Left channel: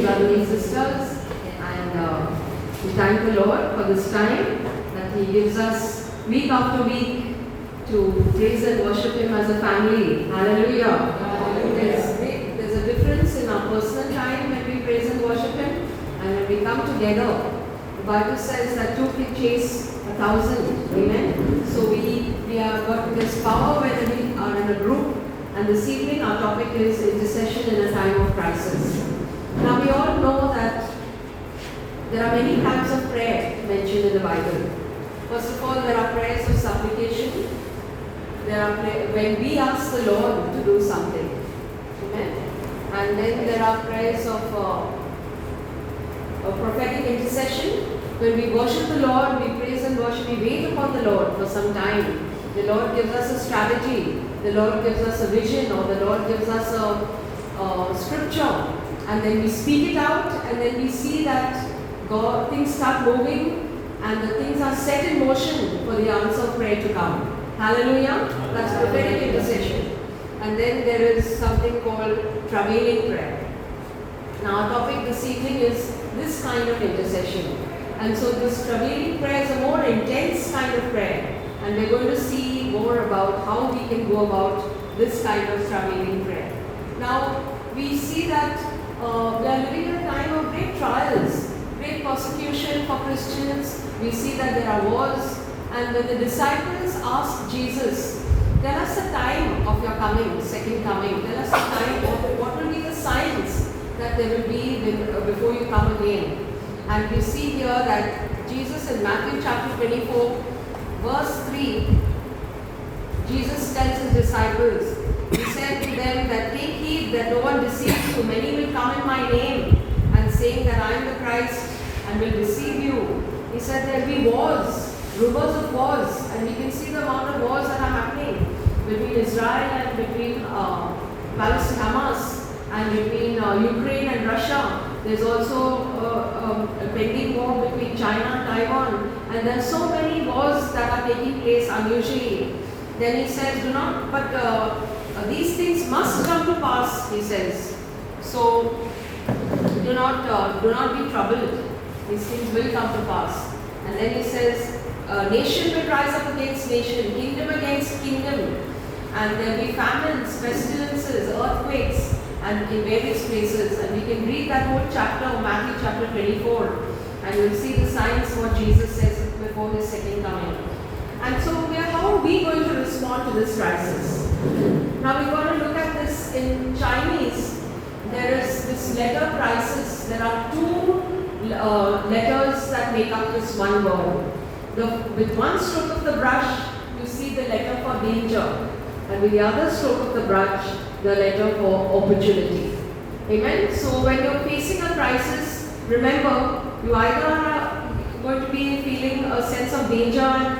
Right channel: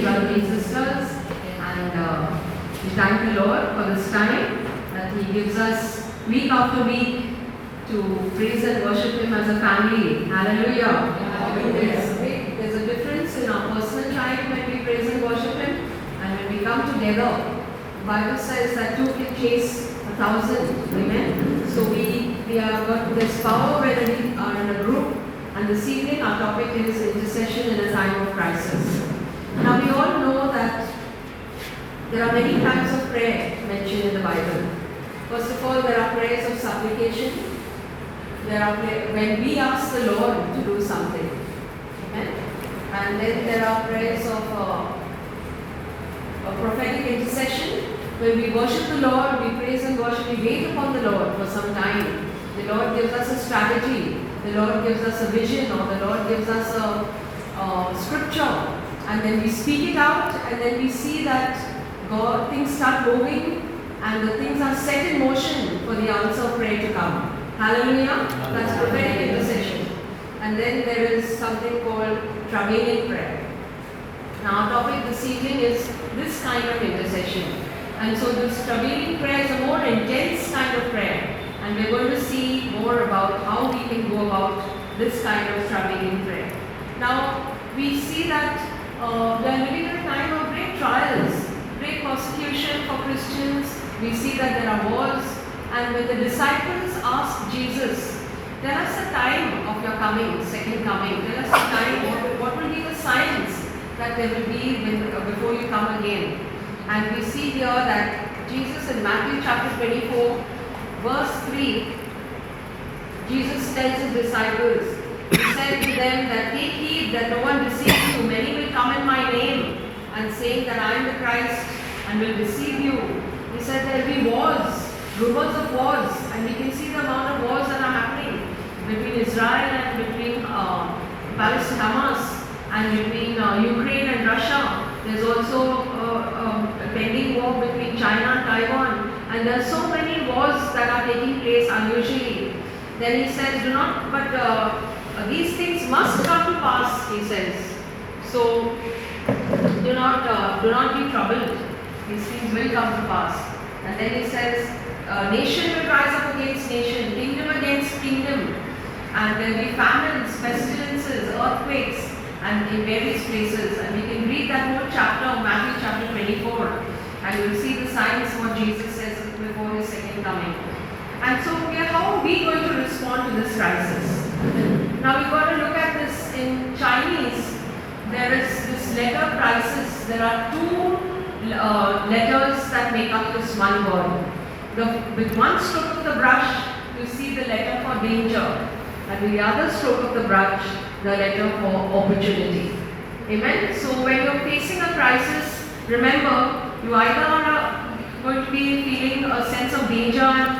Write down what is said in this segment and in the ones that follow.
you, brothers and sisters, and we thank the Lord for this time that He gives us week after week to praise and worship Him as a family. Hallelujah. There's a difference in our personal time when we praise and worship Him, and when we come together. The Bible says that two can chase 1,000. Amen. So we are got this power when we are in a group. And this evening our topic is intercession in a time of crisis. Now we all know that there are many types of prayer mentioned in the Bible. First of all, there are prayers of supplication. There are when we ask the Lord to do something. Amen. And then there are prayers of prophetic intercession. When we worship the Lord, we praise and worship, we wait upon the Lord for some time. The Lord gives us a strategy. The Lord gives us a vision, or the Lord gives us a scripture, and then we speak it out, and then we see that things start moving, and the things are set in motion for the answer of prayer to come. Hallelujah. That's prophetic intercession. And then there is something called travailing prayer. Now our topic this evening is this kind of intercession. And so this travailing prayer is a more intense kind of prayer. And we're going to see more about how we can go about this kind of travailing prayer. Now, we see that we are living in a time of great trials, great persecution for Christians. We see that there are wars. And when the disciples asked Jesus, tell us the time of your coming, second coming. Tell us the time, what will be the signs that there will be before you come again. And we see here that Jesus in Matthew chapter 24, verse 3, Jesus tells his disciples, He said to them that take heed that no one deceives you. Many will come in my name and saying that I am the Christ and will deceive you. He said there will be wars, rumors of wars, and we can see the amount of wars that are happening between Israel and between Palestine, Hamas, and between Ukraine and Russia. There's also a pending war between China and Taiwan. And there are so many wars that are taking place unusually. Then he says, these things must come to pass, he says. So, do not be troubled. These things will come to pass. And then he says, nation will rise up against nation, kingdom against kingdom. And there will be famines, pestilences, earthquakes, and in various places. And we can read that whole chapter of Matthew chapter 24. And you'll see the signs what Jesus says before His second coming. And so, how are we going to respond to this crisis? Now, we've got to look at this in Chinese. There is this letter crisis. There are two letters that make up this one word. With one stroke of the brush, you see the letter for danger. And with the other stroke of the brush, the letter for opportunity. Amen? So, when you're facing a crisis, remember, you either are going to be feeling a sense of danger,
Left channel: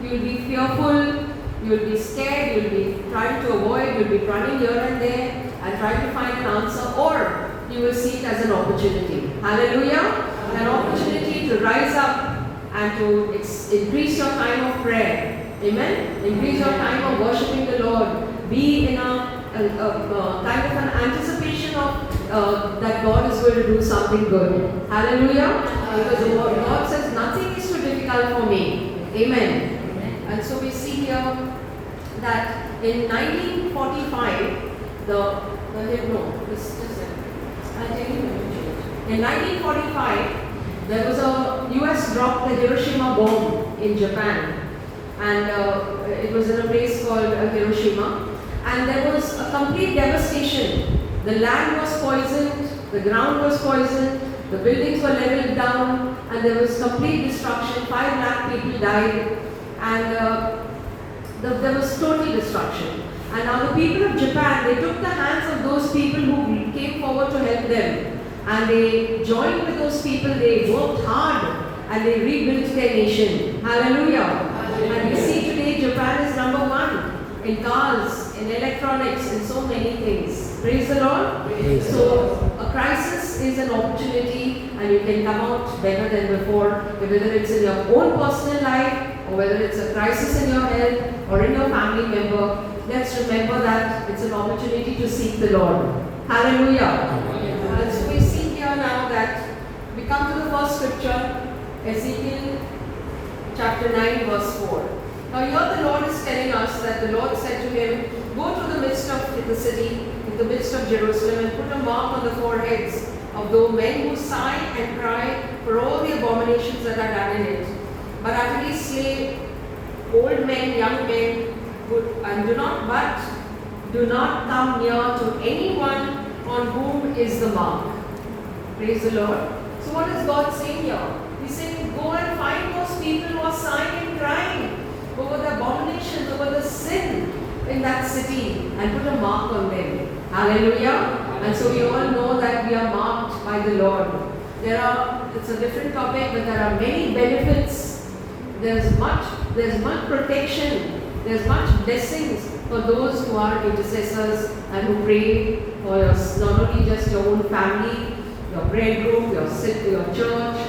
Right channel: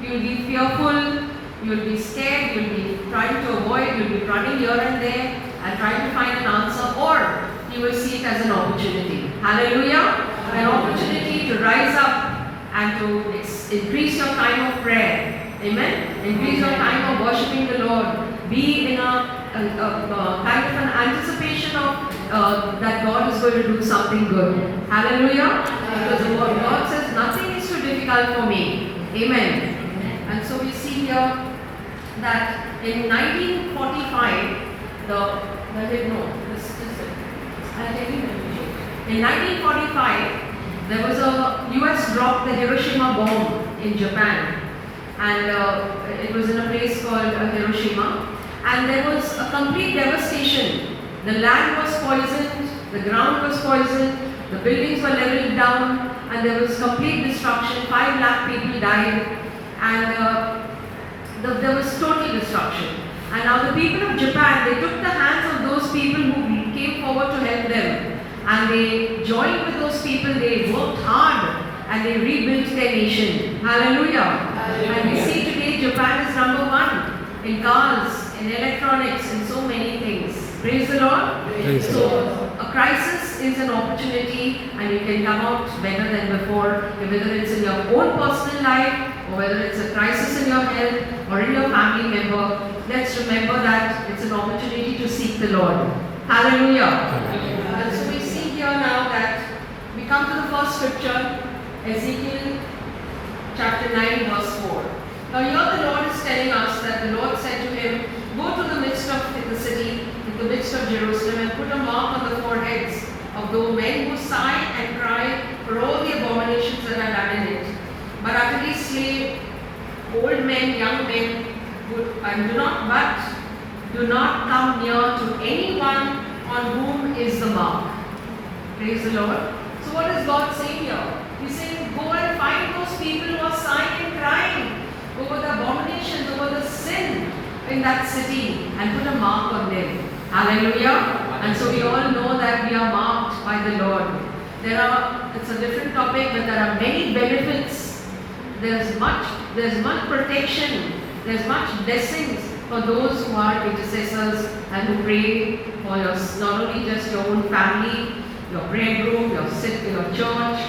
you'll be fearful, you'll be scared, you'll be trying to avoid, you'll be running here and there and trying to find an answer, or you will see it as an opportunity. Hallelujah! An opportunity to rise up and to increase your time of prayer. Amen? Increase your time of worshiping the Lord. Be in a kind of an anticipation of that God is going to do something good. Hallelujah. Because the word God says nothing is too difficult for me. Amen. And so we see here that in 1945, in 1945, there was a US dropped the Hiroshima bomb in Japan. And it was in a place called Hiroshima. And there was a complete devastation. The land was poisoned, the ground was poisoned, the buildings were leveled down, and there was complete destruction. 5 lakh people died, and there was total destruction. And now the people of Japan, they took the hands of those people who came forward to help them, and they joined with those people, they worked hard, and they rebuilt their nation. Hallelujah. And we see today Japan is number 1 in cars, in electronics, in so many things. Praise the Lord. Praise So a crisis is an opportunity, and you can come out better than before, whether it's in your own personal life, or whether it's a crisis in your health or in your family member. Let's remember that it's an opportunity to seek the Lord. Hallelujah. And so we see here now scripture, Ezekiel chapter 9 verse 4. Now here the Lord is telling us that the Lord said to him, go to the midst of the city, in the midst of Jerusalem, and put a mark on the foreheads of those men who sigh and cry for all the abominations that are done in it. But utterly slay old men, young men, and do not come near to anyone on whom is the mark. Praise the Lord. So what is God saying here? He's saying, go and find those people who are sighing and crying over the abominations, over the sin in that city, and put a mark on them. Hallelujah. And so we all know that we are marked by the Lord. It's a different topic, but there are many benefits. There's much protection. There's much blessings for those who are intercessors and who pray for not only just your own family, your prayer group, your church,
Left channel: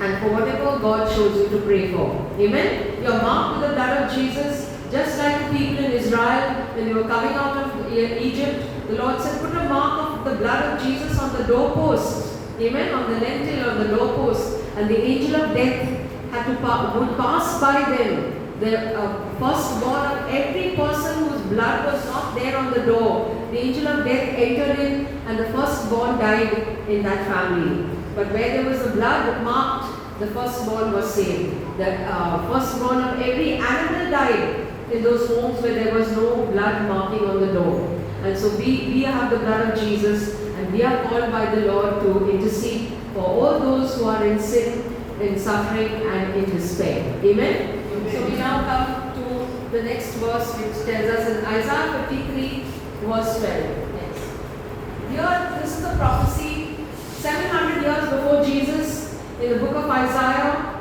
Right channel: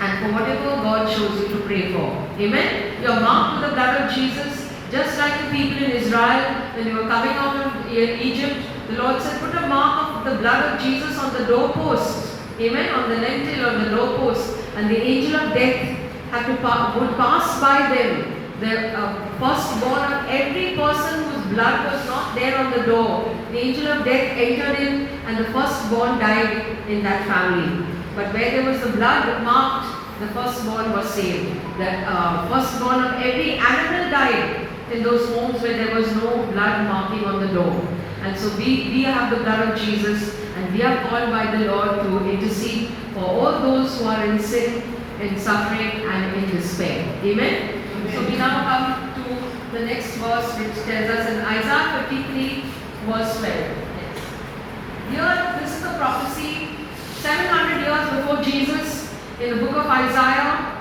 and for whatever God shows you to pray for. Amen? You're marked with the blood of Jesus, just like the people in Israel when they were coming out of Egypt. The Lord said, put a mark of the blood of Jesus on the doorpost. Amen? On the lintel, on the doorpost. And the angel of death would pass by them. The firstborn of every person whose blood was not there on the door, the angel of death entered in, and the firstborn died in that family. But where there was the blood marked, the firstborn was saved. The firstborn of every animal died in those homes where there was no blood marking on the door. And so we have the blood of Jesus, and we are called by the Lord to intercede for all those who are in sin, in suffering, and in despair. Amen? So we now come to the next verse, which tells us in Isaiah 53 verse 12. Yes. Here, this is the prophecy 700 years before Jesus. In the book of Isaiah,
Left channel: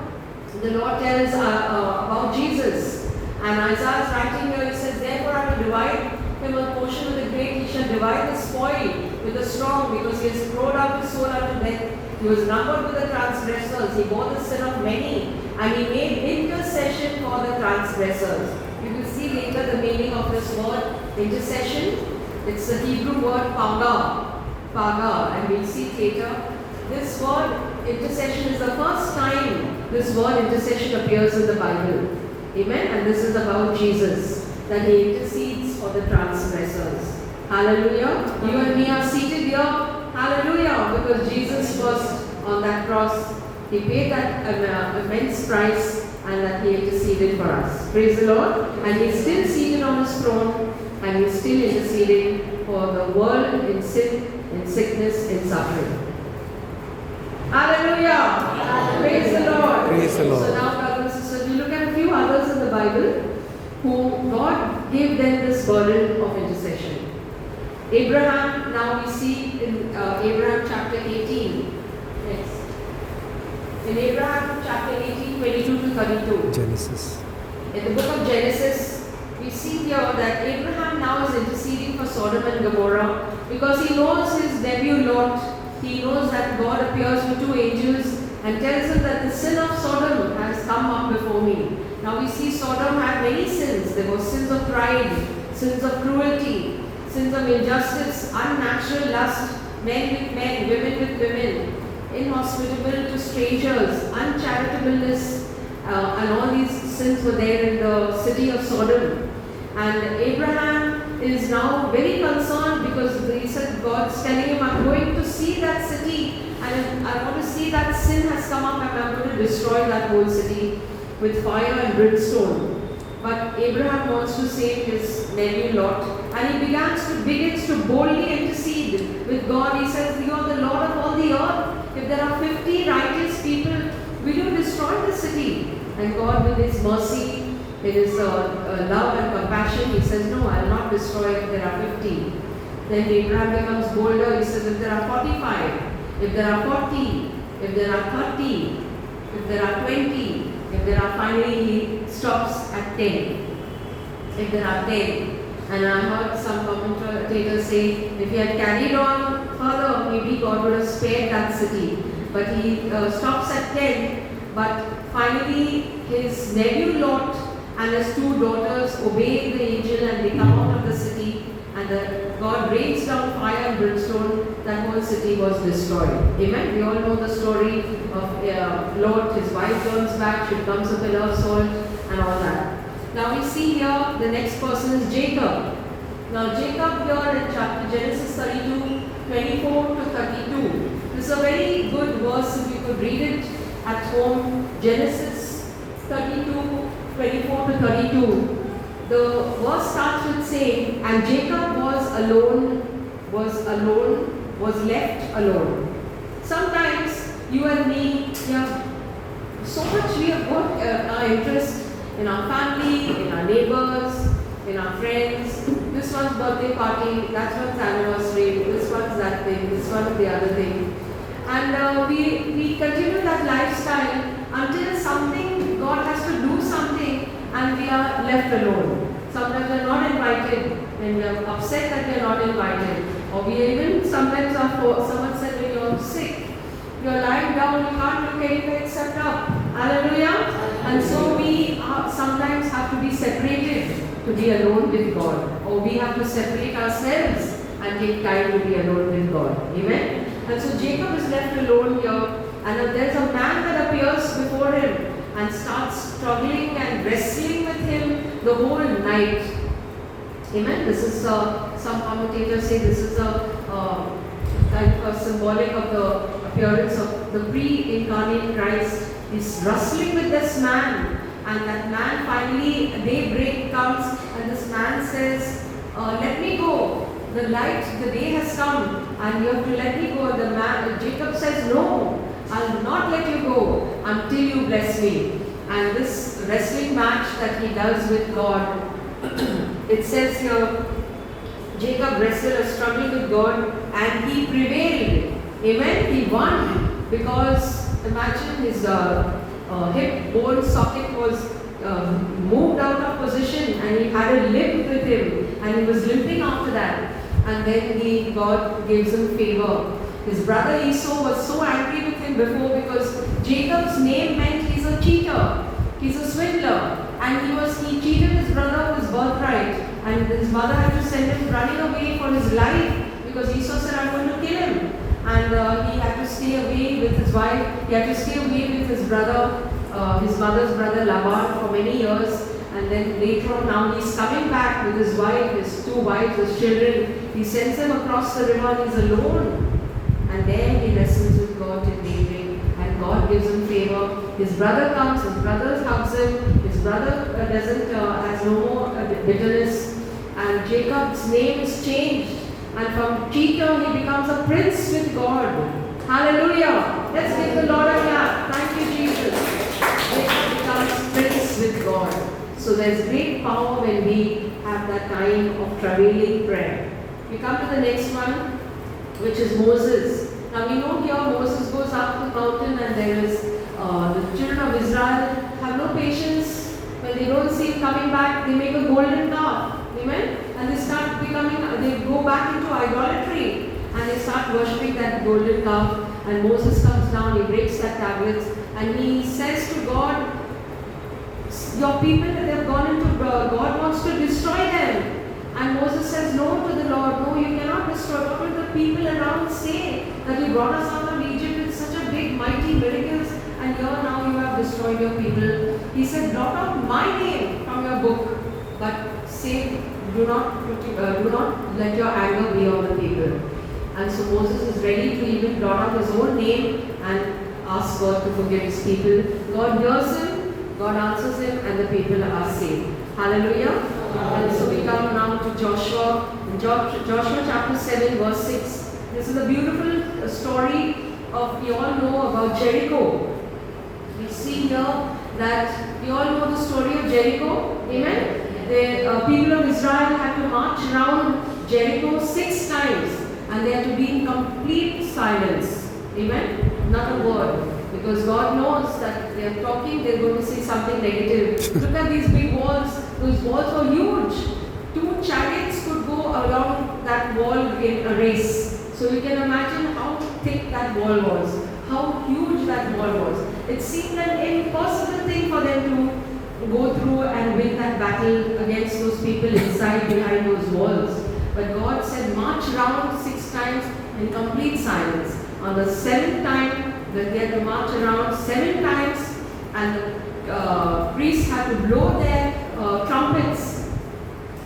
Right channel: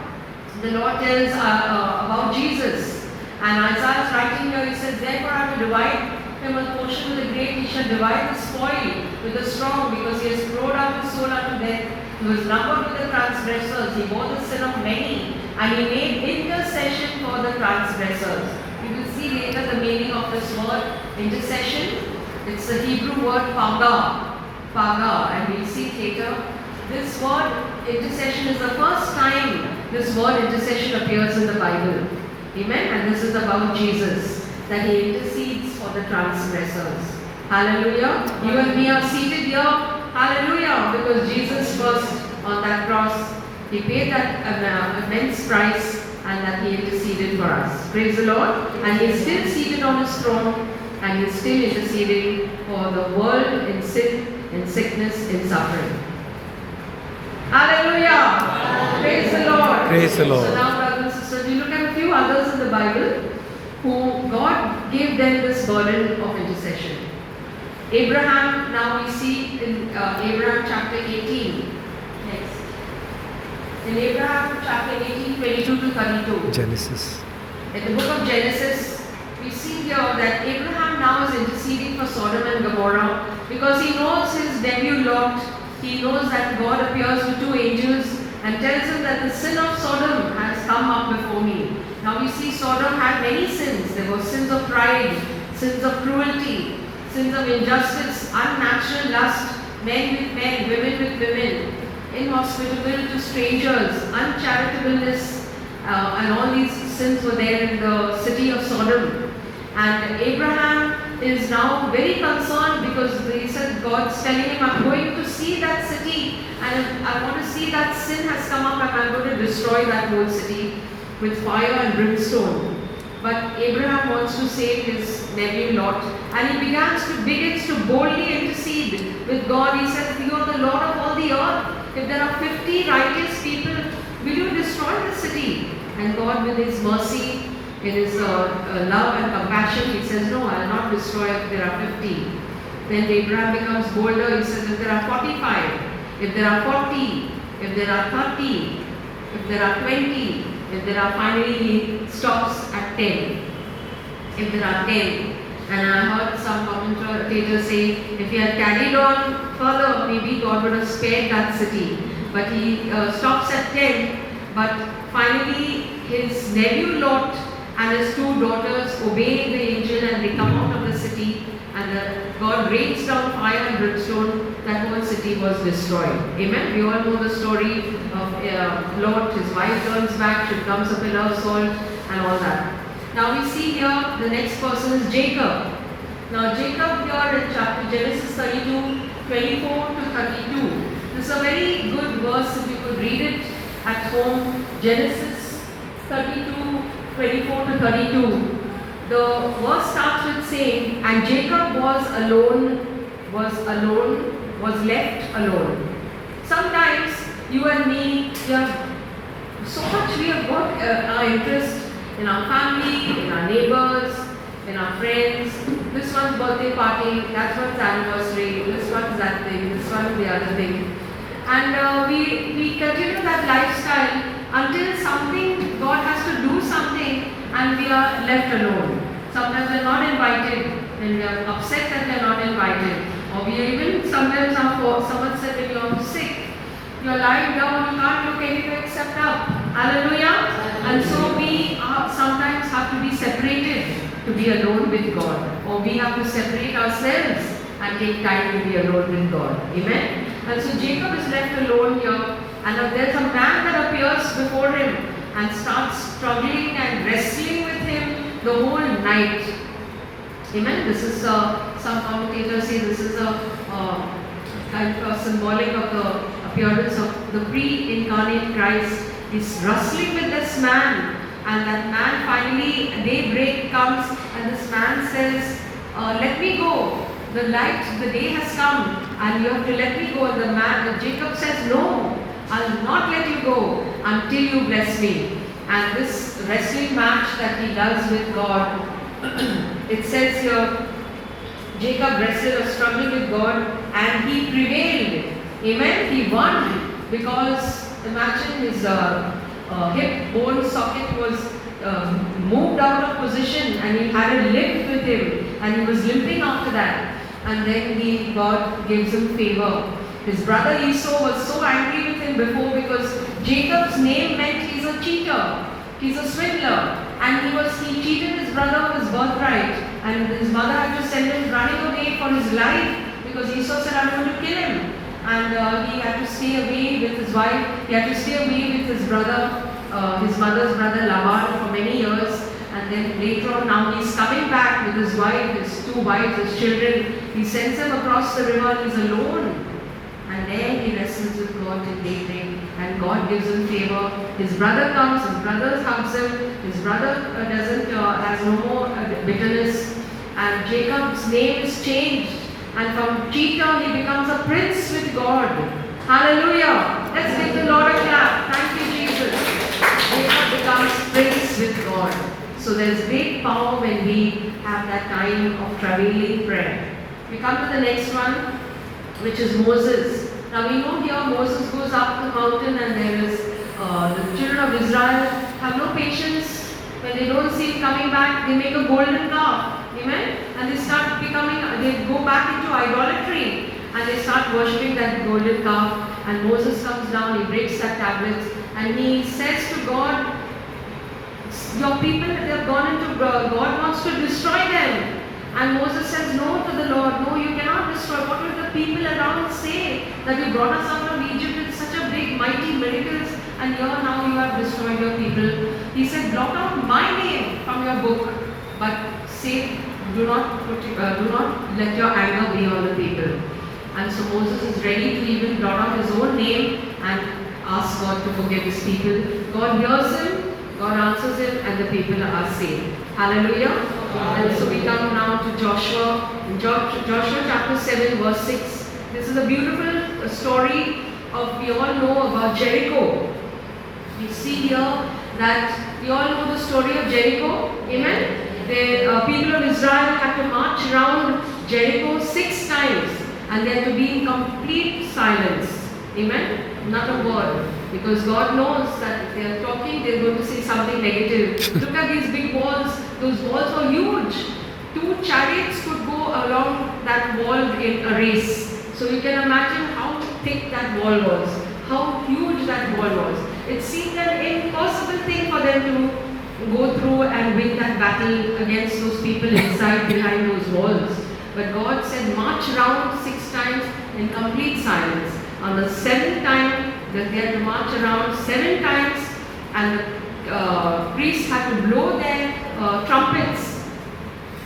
the Lord tells about Jesus. And Isaiah is writing here, he says, therefore I will divide him a portion with the great, he shall divide the spoil with the strong, because he has poured out his soul unto death. He was numbered with the transgressors, he bore the sin of many, and he made intercession for the transgressors. You will see later the meaning of this word, intercession. It's the Hebrew word paga, and we'll see later. This word intercession is the first time this word intercession appears in the Bible. Amen. And this is about Jesus, that he intercedes for the transgressors. Hallelujah. You and me are seated here. Hallelujah. Because Jesus was on that cross. He paid that immense price, and that he interceded for us. Praise the Lord. And he is still seated on his throne, and he is still interceding for the world in sin, in sickness, in suffering. Hallelujah. Praise the Lord. Praise the Lord. So now, brothers and sisters, we look at a few others in the Bible who God gave them this burden of intercession. Abraham, now we see in Abraham chapter 18. Next. In Abraham chapter 18, 22 to 32. Genesis. In the book of Genesis, we see here that Abraham now is interceding for Sodom and Gomorrah because he knows his nephew Lot. He knows that God appears to two angels and tells him that the sin of Sodom has come up before me. Now we see Sodom had many sins. There were sins of pride, sins of cruelty, sins of injustice, unnatural lust, men with men, women with women, inhospitable to strangers, uncharitableness, and all these sins were there in the city of Sodom. And Abraham is now very concerned because he said, God's telling him, I'm going to see that city, and I want to see that sin has come up, and I'm going to destroy that whole city with fire and brimstone. But Abraham wants to save his nephew Lot, and he begins to boldly intercede with God. He says, you are the Lord of all the earth. If there are 50 righteous people, will you destroy the city? And God, with his mercy, in his love and compassion, he says, no, I will not destroy if there are 50. Then Abraham becomes bolder. He says, if there are 45, if there are 40, if there are 30, if there are 20, if there are, finally he stops at 10. If there are 10. And I heard some commentators say, if he had carried on further, maybe God would have spared that city. But he stops at 10. But finally, his nephew Lot and his two daughters obey the angel, and they come out of the city, and the God rains down fire and brimstone, that whole city was destroyed. Amen. We all know the story of Lot. His wife turns back, she becomes a pillar of salt, and all that. Now we see here the next person is Jacob. Now Jacob here in chapter Genesis 32, 24 to 32. This is a very good verse if you could read it at home. Genesis 32, 24 to 32. The verse starts with saying, and Jacob was left alone. Sometimes you and me, we have so much, we have got our interest in our family, in our neighbors, in our friends. This one's birthday party, that one's anniversary, this one's that thing, this one the other thing. And we continue that lifestyle until something, God has to do something and we are left alone. Sometimes we are not invited and we are upset that we are not invited. Or we even sometimes someone said when you are sick, you are lying down, you can't look anywhere except up. Hallelujah. And so we sometimes have to be separated to be alone with God. Or we have to separate ourselves and take time to be alone with God. Amen. And so Jacob is left alone here. And there's a man that appears before him and starts struggling and wrestling with him the whole night. Amen. This is some commentators say this is a kind of symbolic of the appearance of the pre-incarnate Christ. He's wrestling with this man, and that man finally, daybreak comes, and this man says, "Let me go. The light, the day has come, and you have to let me go." The man, Jacob says, "No, I'll not let you go until you bless me." And this wrestling match that he does with God, it says here, Jacob wrestled or struggled with God and he prevailed. Amen. He won because imagine his hip bone socket was moved out of position and he had a limp with him and he was limping after that. And then God gives him favor. His brother Esau was so angry with him before because Jacob's name meant he's a cheater, he's a swindler, and he cheated his brother of his birthright, and his mother had to send him running away for his life because Esau said, "I'm going to kill him," and he had to stay away with his wife. He had to stay away with his brother, his mother's brother Laban for many years. And then later on, now he's coming back with his wife, his two wives, his children. He sends them across the river and he's alone. And there he wrestles with God till daybreak, and God gives him favor. His brother comes, his brother hugs him, his brother has no more bitterness, and Jacob's name is changed, and from cheater he becomes a prince with God. Hallelujah! Let's give the Lord a clap. Thank you, Jesus. Jacob becomes prince with God. So there's great power when we have that time of travailing prayer. We come to the next one, which is Moses. Now we know here Moses goes up the mountain and there is the children of Israel have no patience. When they don't see him coming back, they make a golden calf. Amen? And they start they go back into idolatry and they start worshipping that golden calf. And Moses comes down, he breaks that tablet and he says to God, "Your people, they have gone into God wants to destroy them." And Moses says no to the Lord. "No, you cannot destroy. What will the people around say that you brought us out of Egypt with such a big, mighty miracles, and here now you have destroyed your people?" He said, "Blot out my name from your book, but say, do not let your anger be on the people." And so Moses is ready to even blot out his own name and ask God to forgive his people. God hears him, God answers him, and the people are saved. Hallelujah. And so we come now to Joshua. In Joshua chapter 7 verse 6. This is a beautiful story of, we all know about Jericho. You see here that we all know the story of Jericho. Amen. The people of Israel had to march around Jericho 6 times and they had to be in complete silence. Amen. Not a word. Because God knows that they are talking, they are going to say something negative. Look at these big walls. Those walls were huge. 2 chariots could go along that wall in a race. So you can imagine how thick that wall was, how huge that wall was. It seemed an impossible thing for them to go through and win that battle against those people inside behind those walls. But God said, march around 6 times in complete silence. On the 7th time, that they had to march around 7 times, and the priests had to blow their trumpets.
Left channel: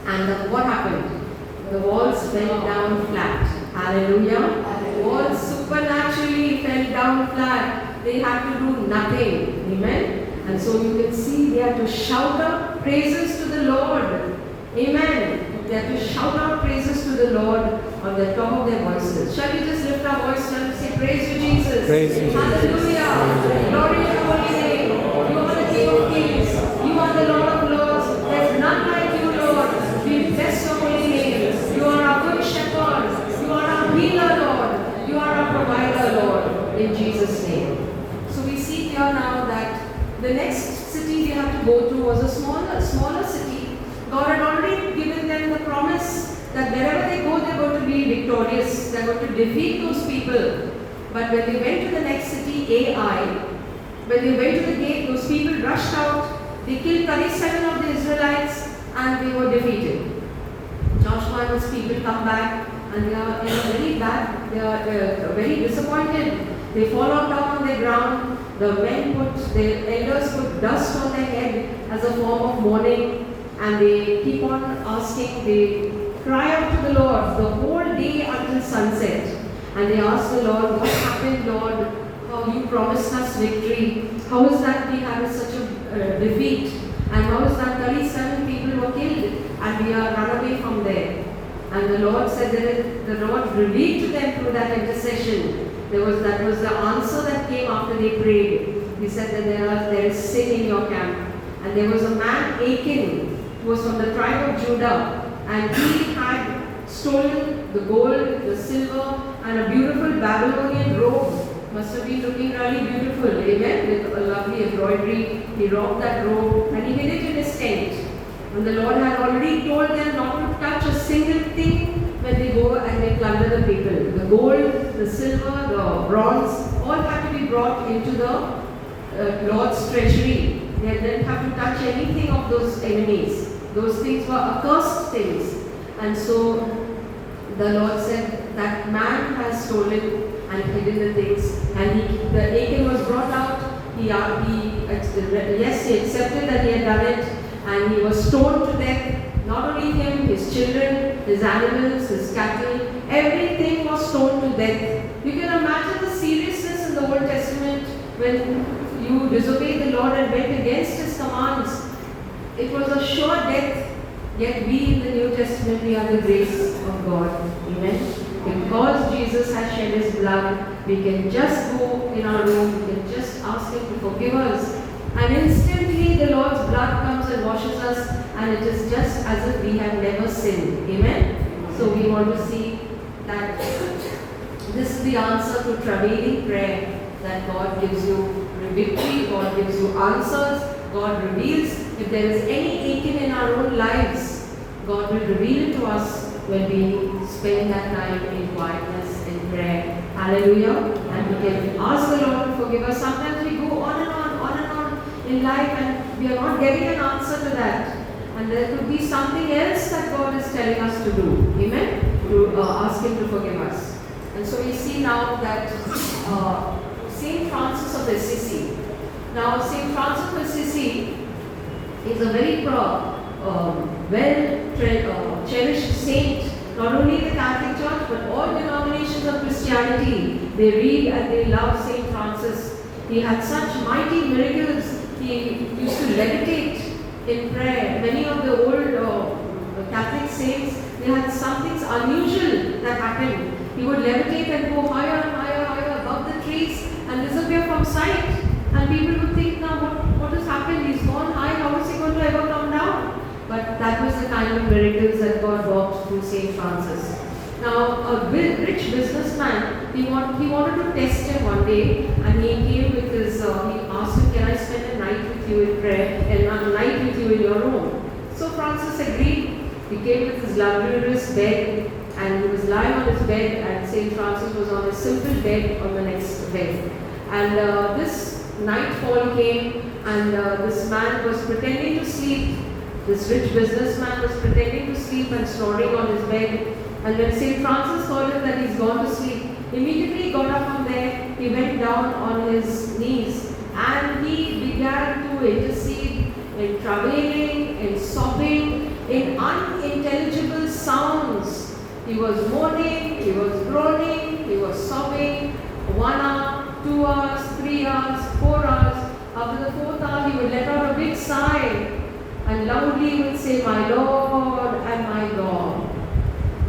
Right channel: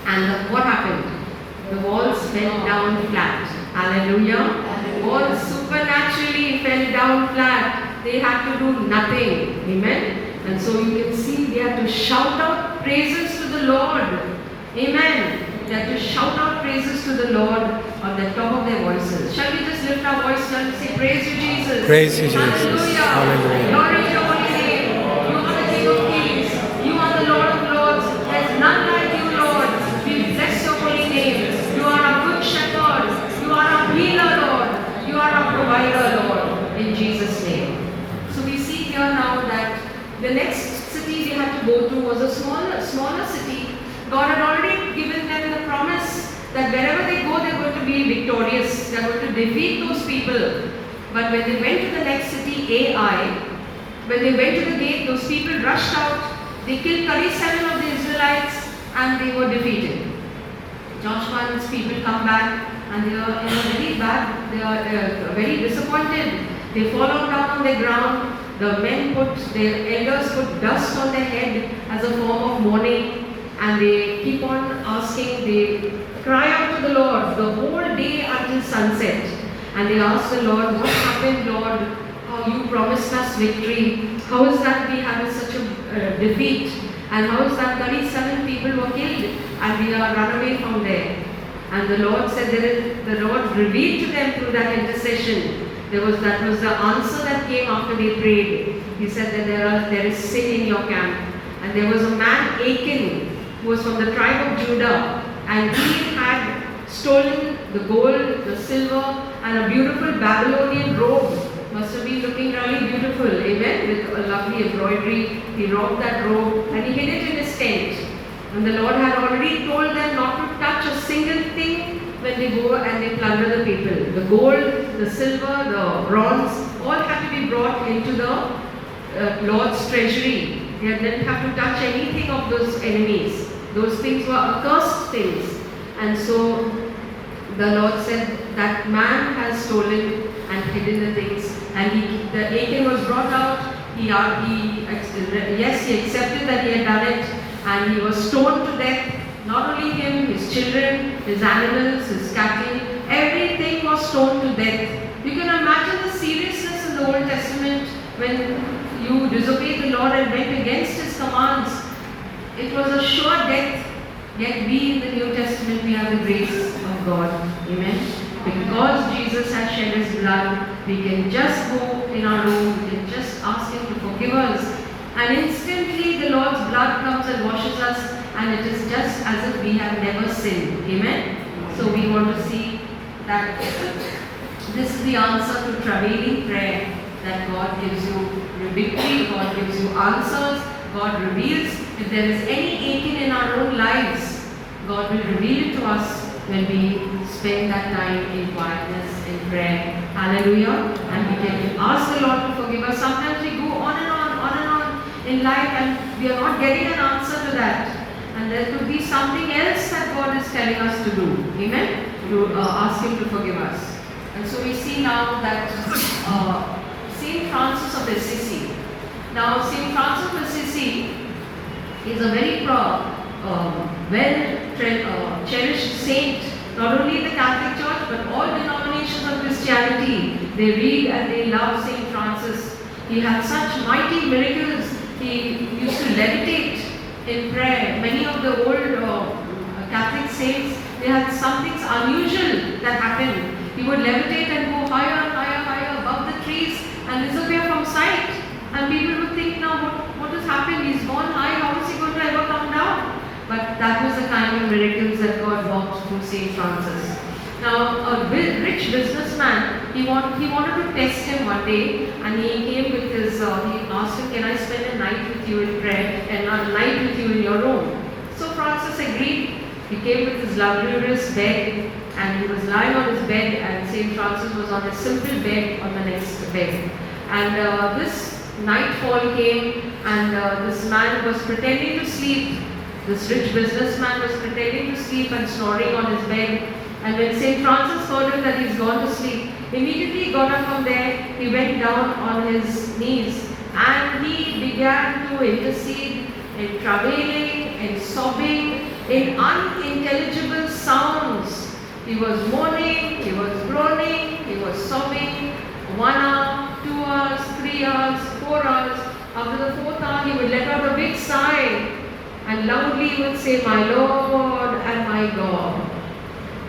And what happened? The walls fell down flat. Hallelujah. The walls supernaturally fell down flat. They had to do nothing. Amen. And so you can see they had to shout out praises to the Lord. Amen. They had to shout out praises to the Lord on the top of their voices. Shall we just lift our voice and say, praise you, Jesus. Praise you, Jesus. Hallelujah. Hallelujah. Glory to your holy name. You are the King of Kings. You are the Lord of Lords. There's none like you, Lord. We bless your holy name. You are our good shepherd. You are our healer, Lord. You are our provider, Lord. In Jesus' name. So we see here now that the next city they had to go to was a smaller city. God had already given them the promise that wherever they go, they're going to be victorious. They're going to defeat those people. But when they went to the next city, Ai, when they went to the gate, those people rushed out. They killed 37 of the Israelites and they were defeated. Joshua and his people come back and they are very bad. They are very disappointed. They fall down on the ground. The men their elders put dust on their head as a form of mourning, and they keep on asking, they cry out to the Lord the whole day until sunset. And they ask the Lord, what happened, Lord? How you promised us victory. How is that we had such a defeat? And how is that 37 people were killed and we are run away from there? And the Lord said, the Lord revealed to them through that intercession. That was the answer that came after they prayed. He said that there is sin in your camp. And there was a man, Achan, who was from the tribe of Judah, and he had stolen the gold, the silver, and a beautiful Babylonian robe. Must have been looking really beautiful, amen, with a lovely embroidery. He robbed that robe and he hid it in his tent. And the Lord had already told them not to touch a single thing when they go and they plunder the people. The gold, the silver, the bronze, all had to be brought into the Lord's treasury. They didn't have to touch anything of those enemies. Those things were accursed things. And so the Lord said, that man has stolen and hidden the things. And the Achan was brought out. He accepted that he had done it. And he was stoned to death. Not only him, his children, his animals, his cattle, everything was stoned to death. You can imagine the seriousness in the Old Testament when you disobeyed the Lord and went against His commands. It was a sure death. Yet we in the New Testament, we have the grace of God. Amen. Because Jesus has shed His blood, we can just go in our room, we can just ask Him to forgive us. And instantly the Lord's blood comes and washes us, and it is just as if we have never sinned. Amen? So we want to see that this is the answer to travailing prayer, that God gives you victory, God gives you answers, God reveals. If there is any Achan in our own lives, God will reveal it to us when we spend that time in quietness, in prayer. Hallelujah. And we can ask the Lord to forgive us. Sometimes we go on and on in life and we are not getting an answer to that. And there could be something else that God is telling us to do. Amen? To ask Him to forgive us. And so we see now that St. Francis of Assisi. Now St. Francis of Assisi is a very cherished saint, not only in the Catholic Church but all denominations of Christianity. They read and they love St. Francis. He had such mighty miracles. He used to levitate in prayer. Many of the old Catholic saints, they had something unusual that happened. He would levitate and go higher and higher, higher above the trees and disappear from sight. And people would think, now what has happened? He's gone high, how is he going to ever come down? But that was the kind of miracles that God worked through St. Francis. Now, a rich businessman, he wanted to test him one day, and he came with his, he asked him, can I spend a night with you in prayer and a night with you in your room? So Francis agreed. He came with his luxurious bed, and he was lying on his bed, and St. Francis was on a simple bed on the next bed. And this nightfall came, and this man was pretending to sleep. This rich businessman was pretending to sleep and snoring on his bed. And when St. Francis told him that he's gone to sleep, immediately he got up from there, he went down on his knees and he began to intercede in travailing, in sobbing, in unintelligible sounds. He was moaning, he was groaning, he was sobbing. 1 hour, 2 hours, 3 hours, 4 hours. After the 4th hour, he would let out a big sigh and loudly would say, "My Lord and my God.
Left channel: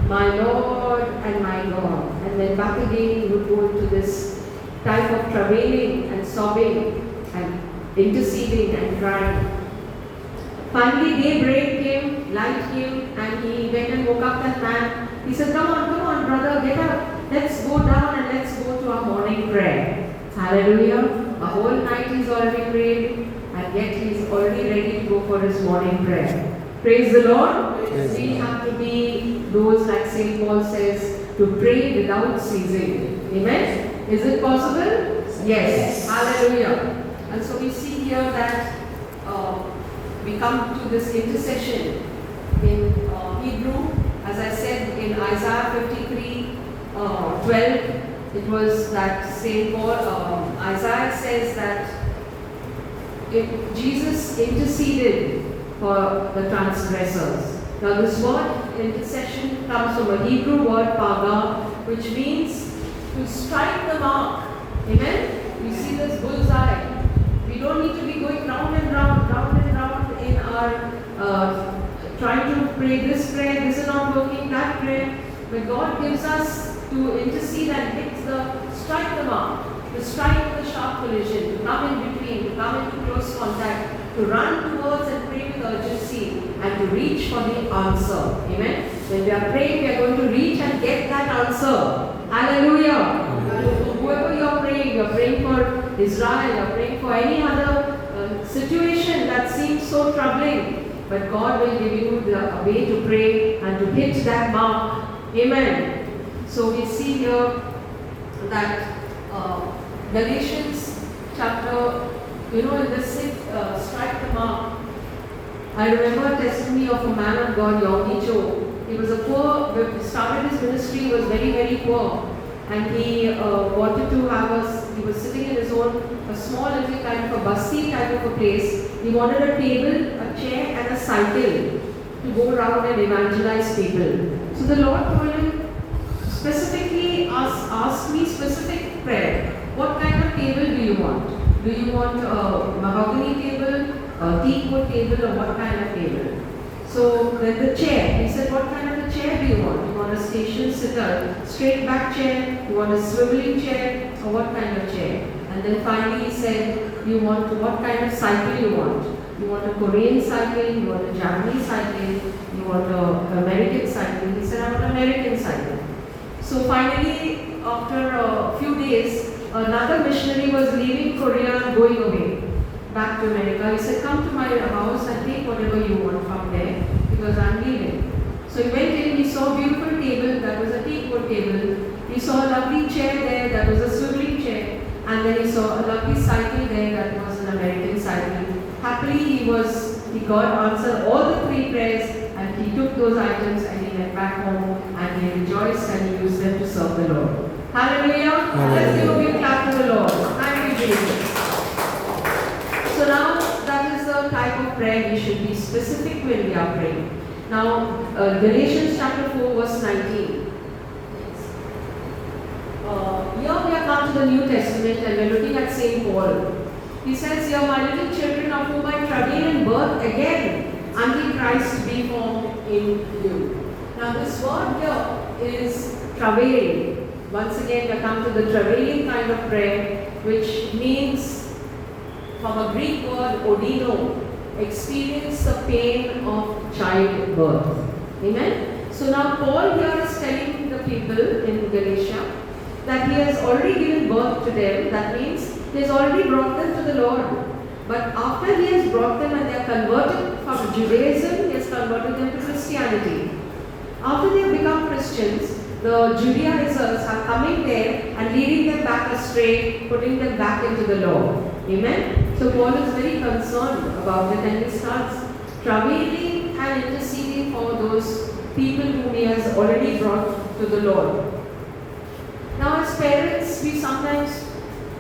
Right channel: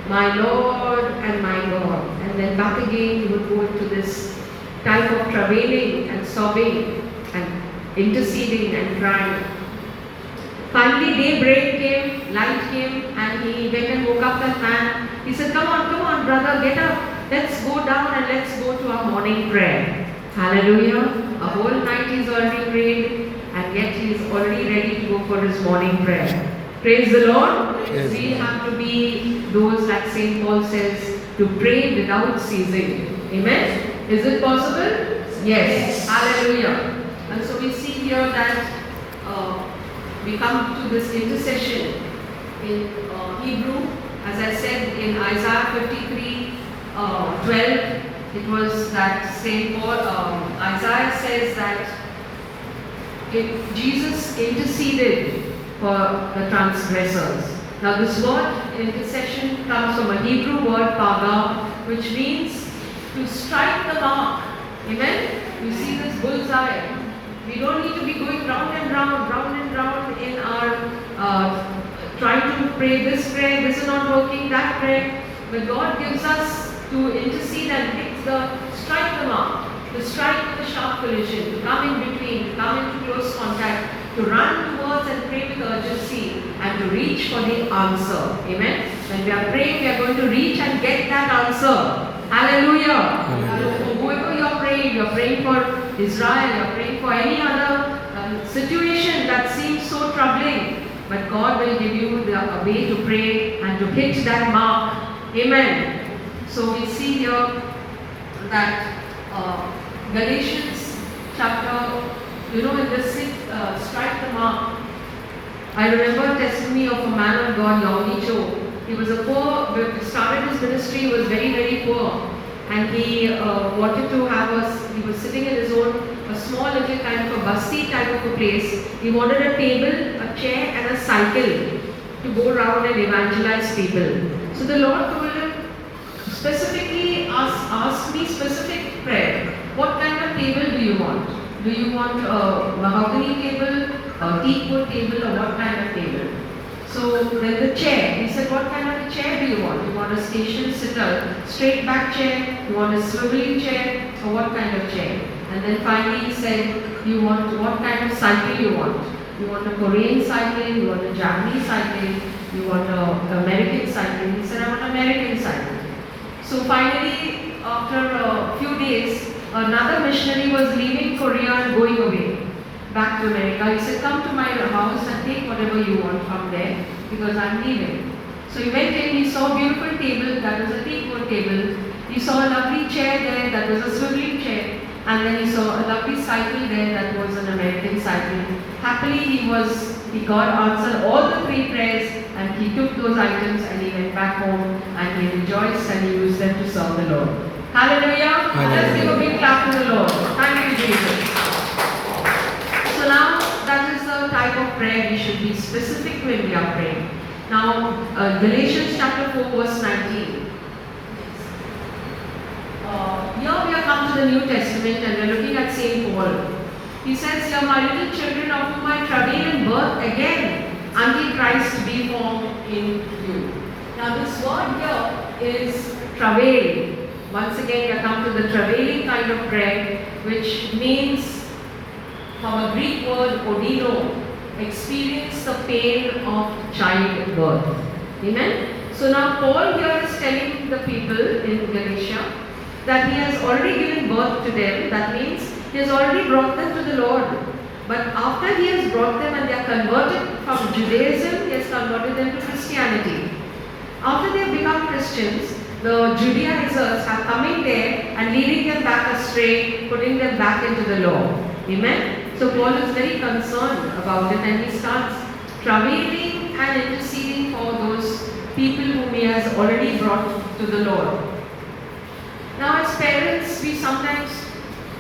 My Lord and my God." And then back again he would go into this type of travailing and sobbing and interceding and crying. Finally daybreak came, light came, and he went and woke up that man. He said, come on, brother, get up. Let's go down and let's go to our morning prayer." Hallelujah. A whole night he's already prayed, and yet he's already ready to go for his morning prayer. Praise the Lord. Yes. We have to be those, like St. Paul says, to pray without ceasing. Amen. Is it possible? Yes. Hallelujah. And so we see here that we come to this intercession in Hebrew. As I said, in Isaiah 53, 12, it was that St. Paul, Isaiah says that Jesus interceded for the transgressors. Now this word intercession comes from a Hebrew word paga, which means to strike the mark. Amen? You see this bullseye. We don't need to be going round and round in our trying to pray this prayer, this is not working, that prayer. But God gives us to intercede and hit strike the mark, to strike the sharp collision, to come in between, to come into close contact, to run towards and pray with urgency, and to reach for the answer. Amen? When we are praying, we are going to reach and get that answer. Hallelujah. Whoever you are praying for Israel, you are praying for any other situation that seems so troubling, but God will give you a way to pray and to hit that mark. Amen. So we see here that Galatians chapter, in this strike the mark. I remember a testimony of a man of God, Yogi Cho. He was a poor, started his ministry, he was very, very poor. And he wanted to have he was sitting in his own, a small little kind of a basti type of a place. He wanted a table, a chair and a cycle to go around and evangelize people. So the Lord told him, specifically ask me specific prayer. What kind of table do you want? Do you want a mahogany table, a teakwood table, or what kind of table? So then the chair, he said, what kind of a chair do you want? You want a station sitter, straight back chair, you want a swiveling chair, or what kind of chair? And then finally he said, you want what kind of cycle you want? You want a Korean cycle, you want a Japanese cycle, you want an American cycle. He said, I want an American cycle. So finally, after a few days, another missionary was leaving Korea and going away back to America. He said, come to my house and take whatever you want from there because I'm leaving. So he went in, he saw a beautiful table, that was a teakwood table. He saw a lovely chair there, that was a swiveling chair. And then he saw a lovely cycle there, that was an American cycle. Happily, he got answered all the 3 prayers, and he took those items and he went back home and he rejoiced and he used them to serve the Lord. Hallelujah. Let's give a big clap to the Lord. Thank you, Jesus. So now that is the type of prayer we should be specific when we are praying. Now, Galatians chapter 4 verse 19. Here we have come to the New Testament and we are looking at St. Paul. He says, "You are my little children of whom I travail in birth again, until Christ be formed in you." Now this word here is travail. Once again we have come to the travailing kind of prayer, which means from a Greek word odino, experience the pain of childbirth. Amen? So now Paul here is telling the people in Galatia that he has already given birth to them. That means he has already brought them to the Lord. But after he has brought them and they are converted from Judaism, he has converted them to Christianity. After they have become Christians, the Judaizers are coming there and leading them back astray, putting them back into the law. Amen? So Paul is very concerned about it and he starts travailing and interceding for those people whom He has already brought to the Lord. Now, as parents, we sometimes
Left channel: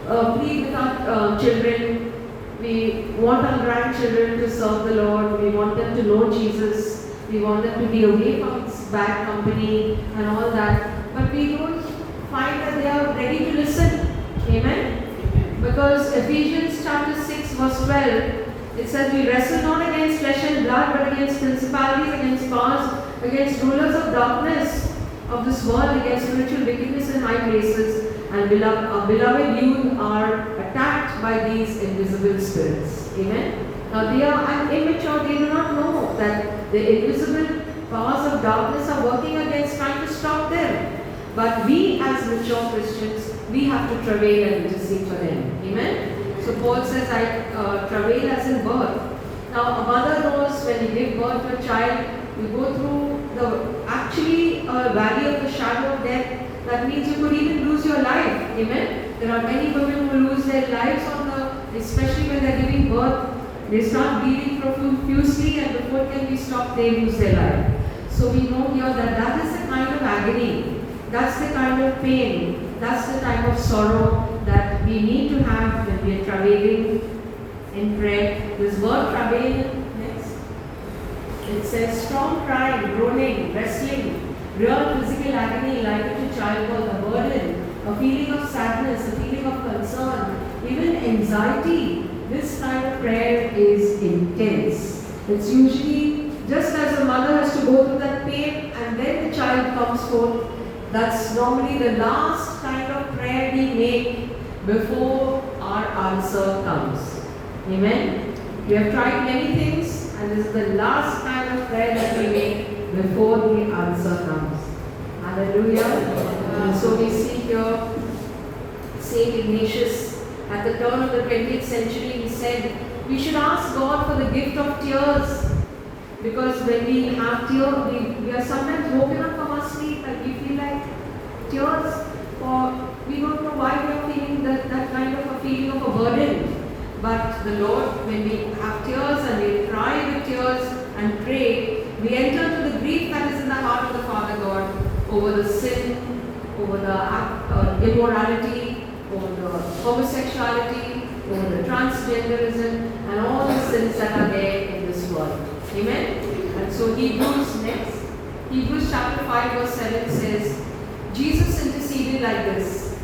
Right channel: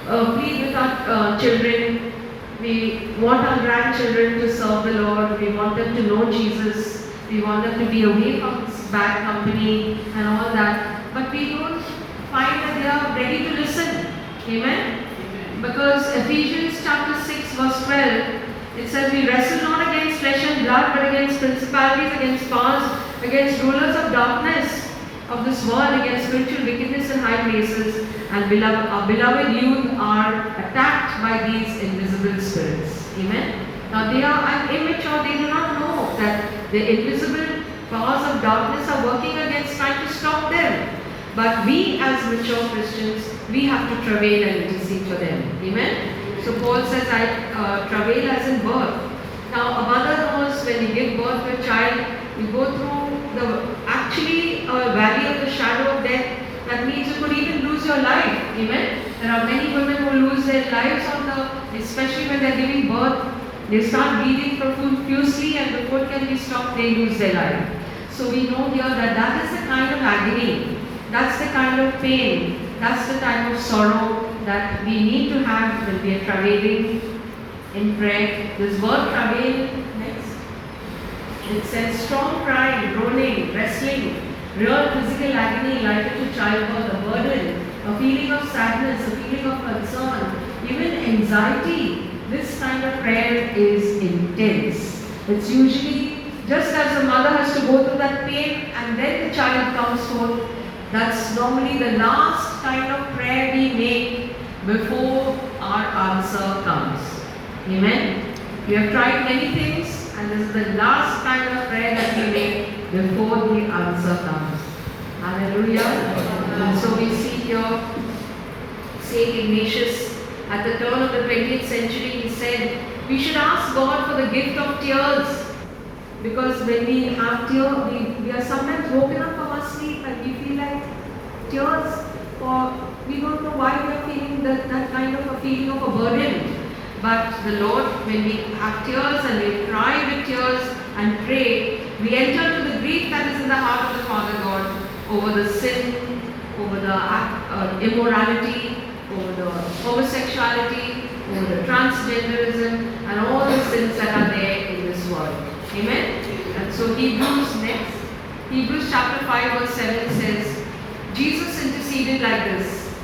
plead with our children. We want our grandchildren to serve the Lord. We want them to know Jesus. We want them to be away from bad company and all that. But we don't find that they are ready to listen. Amen? Because Ephesians chapter 6 verse 12, it says, we wrestle not against flesh and blood, but against principalities, against powers, against rulers of darkness of this world, against spiritual wickedness in high places. And our beloved youth are attacked by these invisible spirits. Amen? Now they are immature, they do not know that the invisible powers of darkness are working against, trying to stop them. But we as mature Christians, we have to travail and intercede for them. Amen? So Paul says, I travail as in birth. Now a mother knows when you give birth to a child, you go through the valley of the shadow of death. That means you could even lose your life. Amen? There are many women who lose their lives especially when they are giving birth. They start bleeding profusely and before it can be stopped, they lose their life. So we know here that that is the kind of agony, that's the kind of pain, that's the time of sorrow that we need to have when we are travailing in prayer. This word travail, next, it says strong cry, groaning, wrestling, real physical agony like to childbirth, a burden, a feeling of sadness, a feeling of concern, even anxiety. This kind of prayer is intense. It's usually just as the mother has to go through that pain and then the child comes forth. That's normally the last kind of prayer we make before our answer comes. Amen? We have tried many things and this is the last kind of prayer that we make before the answer comes. Hallelujah. And so we see here Saint Ignatius. At the turn of the 20th century, he said, we should ask God for the gift of tears. Because when we have tears, we are sometimes woken up from our sleep and we feel like tears, or we don't know why we are feeling that kind of a feeling of a burden. But the Lord, when we have tears and we cry with tears and pray, we enter into the grief that is in the heart of the Father God over the sin, over the immorality, over the homosexuality, over the transgenderism, and all the sins that are there in this world. Amen? And so Hebrews chapter 5 verse 7 says, Jesus interceded like this,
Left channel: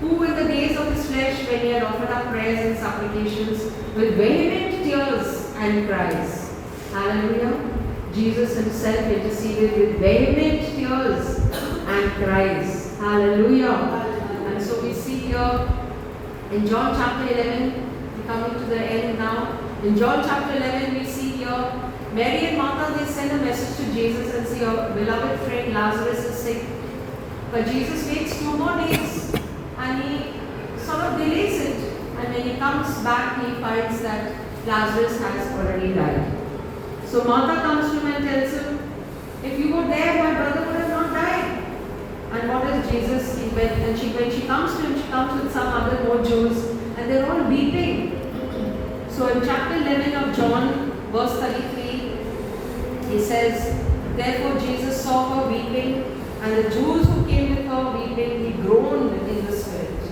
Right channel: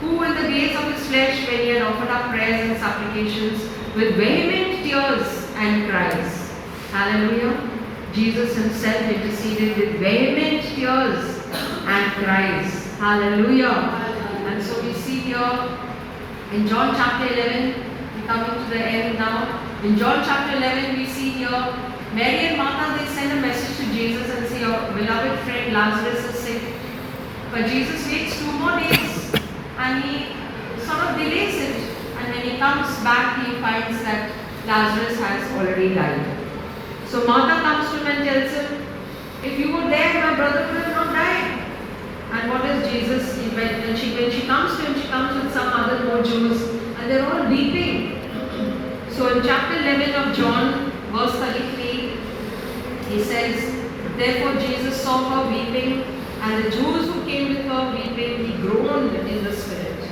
who in the days of his flesh, when he had offered up prayers and supplications with vehement tears and cries. Hallelujah. Jesus himself interceded with vehement tears and cries. Hallelujah. And so we see here in John chapter 11, we're coming to the end now. In John chapter 11, we see here Mary and Martha, they send a message to Jesus and say, your beloved friend Lazarus is sick. But Jesus waits 2 more days and he sort of delays it. And when he comes back, he finds that Lazarus has already died. So Martha comes to him and tells him, if you were there, my brother would have not died. And what is Jesus? When she comes to him, she comes with some other more Jews and they're all weeping. So in chapter 11 of John, verse 33, he says, therefore Jesus saw her weeping, and the Jews who came with her weeping, he groaned in the spirit.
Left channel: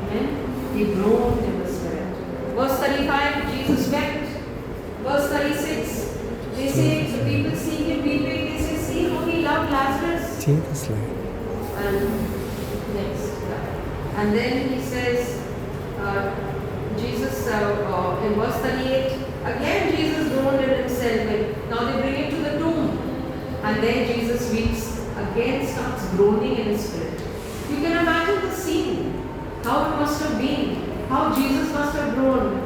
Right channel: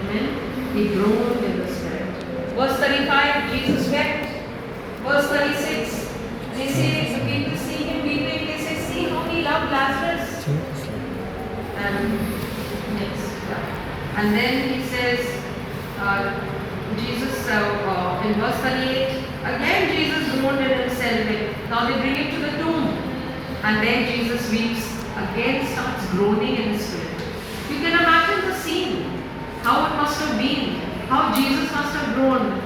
Amen? He groaned in the spirit. Verse 35, Jesus wept. Verse 36, they say, the people see him weeping, they say, see how he loved Lazarus. And then he says, Jesus, in verse 38, again Jesus groaned in himself. Now they bring him to the tomb. And then Jesus weeps, again starts groaning in his spirit. You can imagine the scene, how it must have been, how Jesus must have groaned.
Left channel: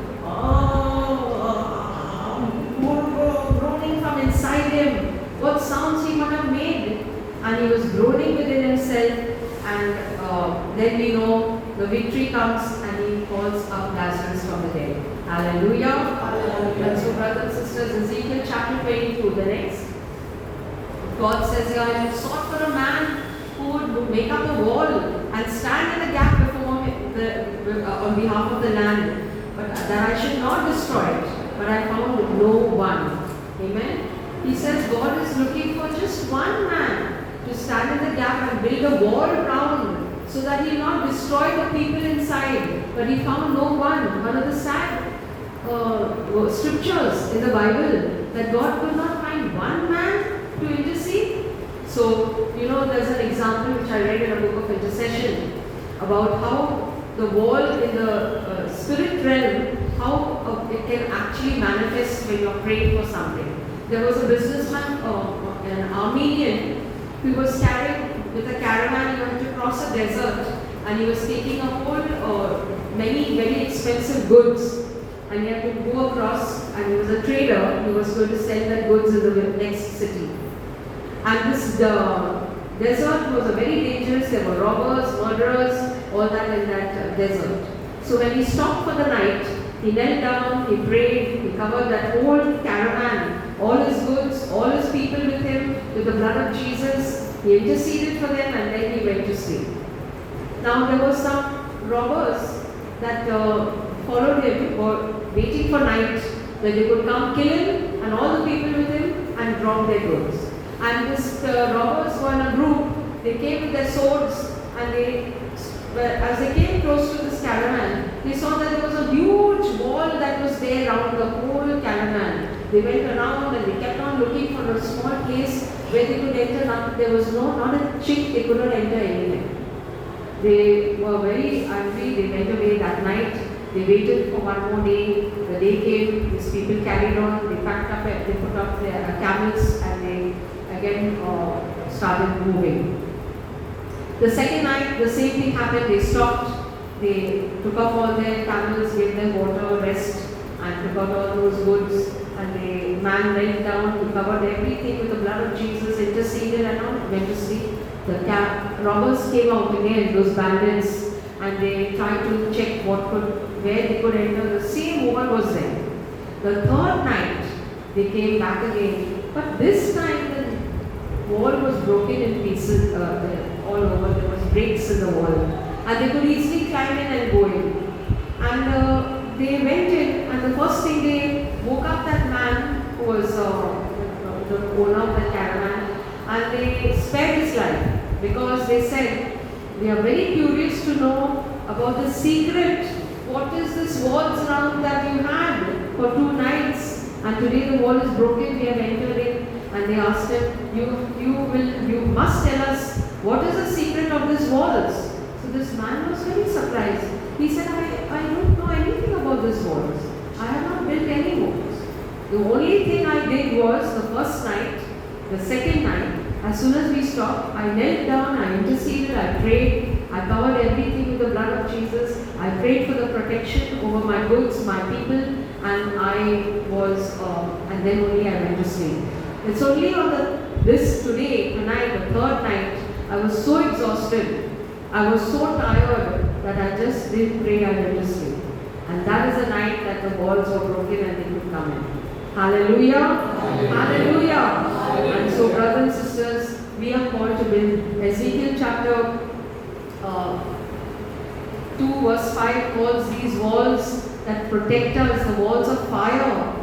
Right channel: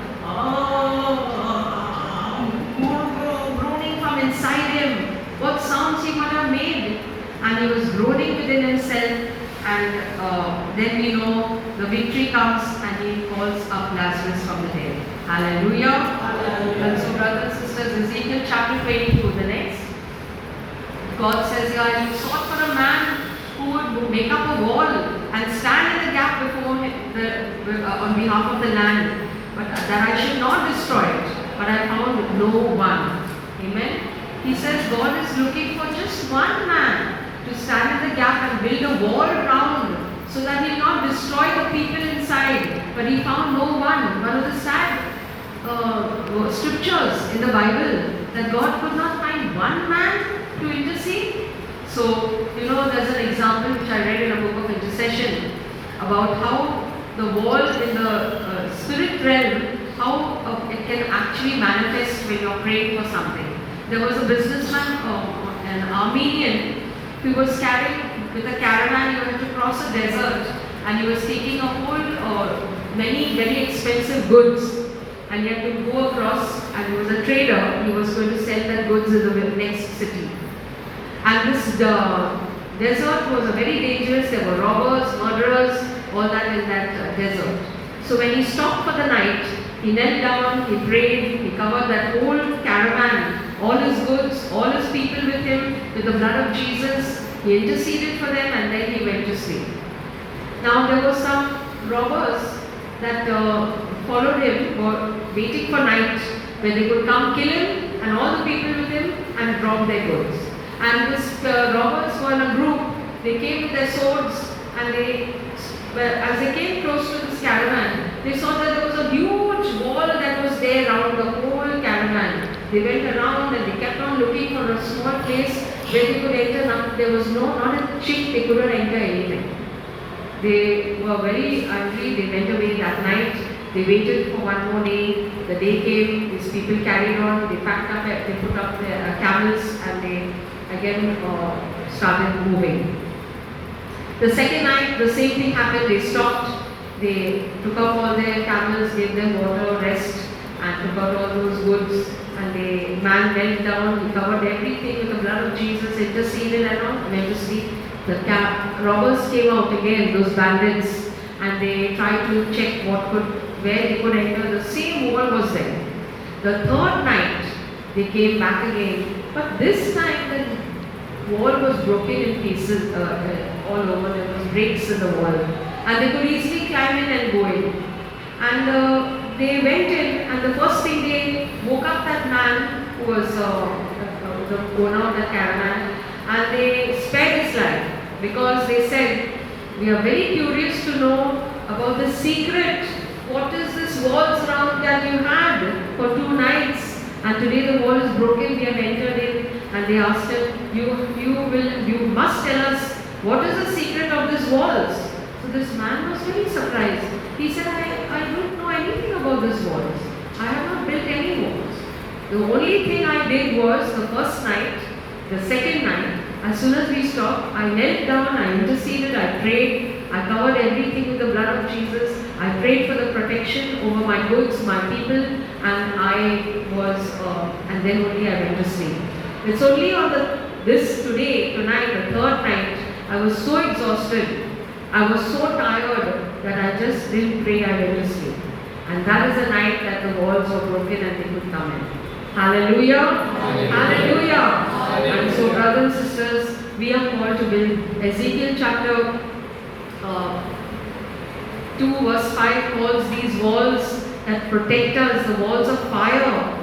Groaning from inside him, what sounds he might have made. And he was groaning within himself, and then we know the victory comes and he calls up Lazarus from the dead. Hallelujah. Hallelujah. And so brothers and sisters, Ezekiel chapter 22, the next. God says here, I sought for a man who would make up a wall and stand in the gap before on behalf of the land, but that I should not destroy it. But I found no one. Amen. He says God is looking for just one man to stand in the gap and build a wall around so that he will not destroy the people inside. But he found no one. One of the sad scriptures in the Bible that God could not find one man to intercede. So, there's an example which I read in a book of intercession about how the wall in the spirit realm, how it can actually manifest when you're praying for something. There was a businessman, an Armenian, who was carrying with a caravan. He had to cross a desert, and he was taking a whole many very expensive goods, and he had to go across. And he was a trader. He was going to sell that goods in the next city. And this desert was very dangerous. There were robbers, murderers, all that in that desert. So when he stopped for the night, he knelt down, he prayed, he covered that whole caravan, all his goods, all his people with him, with the blood of Jesus. He interceded for them, and then he went to sleep. Now there were some robbers that followed him, were waiting for night, where they could come kill him and all the people with him and rob their goods. And these robbers were in a group. They came with their swords, and as they came close to this caravan, they saw that there was a huge wall that was there around the whole caravan. They went around and they kept on looking for a small place where they could enter. There was not a chink, they couldn't enter anything. They were very angry. They went away that night. They waited for one more day. The day came. These people carried on. They packed up. They put up their camels, and they again started moving. The second night, the same thing happened. They stopped. They took off all their camels, gave them water, rest, and took out all those goods. And the man went down. He covered everything with the blood of Jesus, interceded, and went to sleep. The robbers came out again, those bandits, and they tried to check where they could enter. The same woman was there. The third night, they came back again, but this time the wall was broken in pieces all over. There was breaks in the wall, and they could easily climb in and go in. And they went in, and the first thing they woke up that man who was the owner of the caravan, and they spared his life because they said, "We are very curious to know about the secret. What is this walls around that you had for 2 nights? And today the wall is broken, we have entered in." And they asked him, you must tell us, what is the secret of these walls? So this man was very surprised. He said, I don't know anything about these walls. I have not built any walls. The only thing I did was the first night, the second night, as soon as we stopped, I knelt down, I interceded, I prayed, I covered everything with the blood of Jesus. I prayed for the protection over my goods, my people, and and then only I went to sleep. It's only on tonight, the third night, I was so exhausted, I was so tired that I just didn't pray, I went to sleep. And that is the night that the walls were broken and they could come in. Hallelujah! Hallelujah! Hallelujah. And so, brothers and sisters, we are called to build. Ezekiel chapter 2 verse 5 calls these walls that protect us, the walls of fire.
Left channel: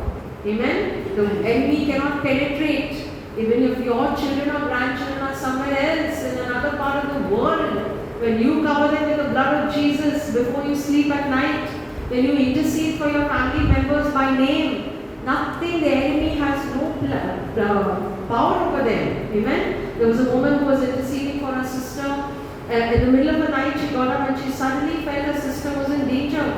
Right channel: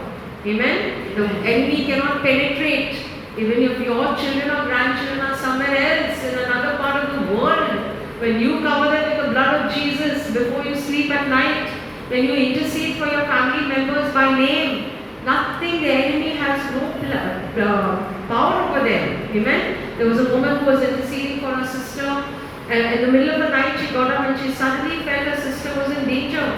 Amen? The enemy cannot penetrate. Even if your children or grandchildren are somewhere else in another part of the world, when you cover them with the blood of Jesus before you sleep at night, when you intercede for your family members by name, nothing, the enemy has no power over them. Amen? There was a woman who was interceding for her sister, and in the middle of the night she got up and she suddenly felt her sister was in danger.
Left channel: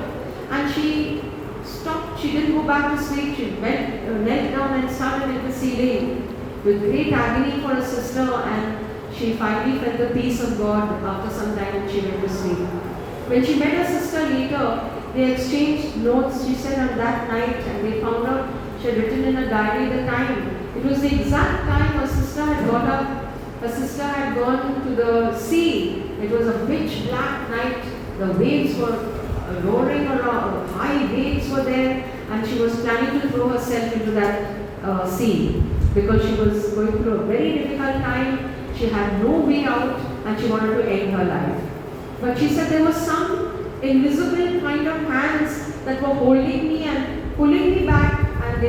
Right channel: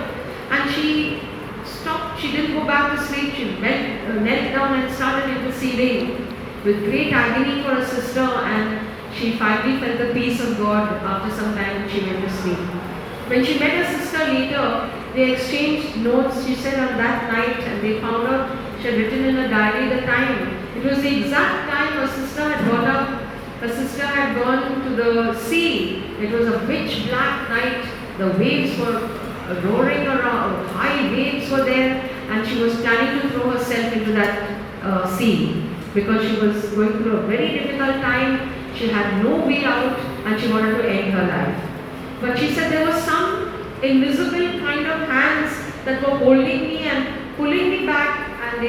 And she stopped, she didn't go back to sleep, she knelt down and started interceding with great agony for her sister, and she finally felt the peace of God after some time when she went to sleep. When she met her sister later, they exchanged notes, she said, on that night, and they found out she had written in a diary the time. It was the exact time her sister had got up. Her sister had gone to the sea. It was a pitch black night. The waves were roaring around, high waves were there, and she was planning to throw herself into that sea because she was going through a very difficult time. She had no way out and she wanted to end her life. But she said there was some invisible kind of hands that were holding me and pulling me back, and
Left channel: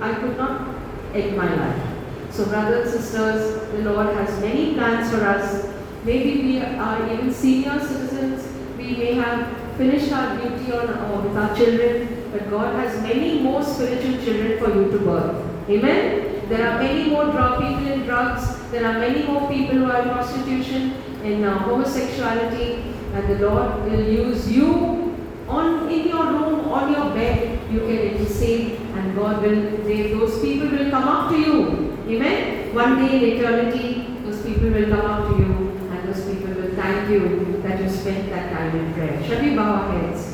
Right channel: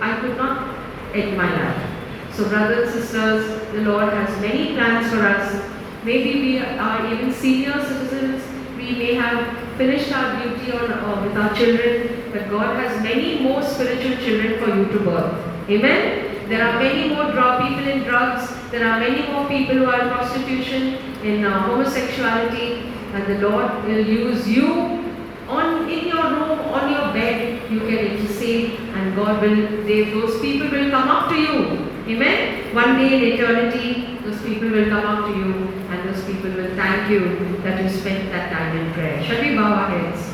I could not in my life. So brothers and sisters, the Lord has many plans for us. Maybe we are even senior citizens, we may have finished our duty with our children, but God has many more spiritual children for you to birth. Amen? There are many more people in drugs, there are many more people who are in prostitution, in homosexuality, and the Lord will use you in your room, on your bed, you can intercede, and those people will come up to you. Amen? One day in eternity, those people will come up to you, and those people will thank you that you spent that time in prayer. Shall we bow our heads?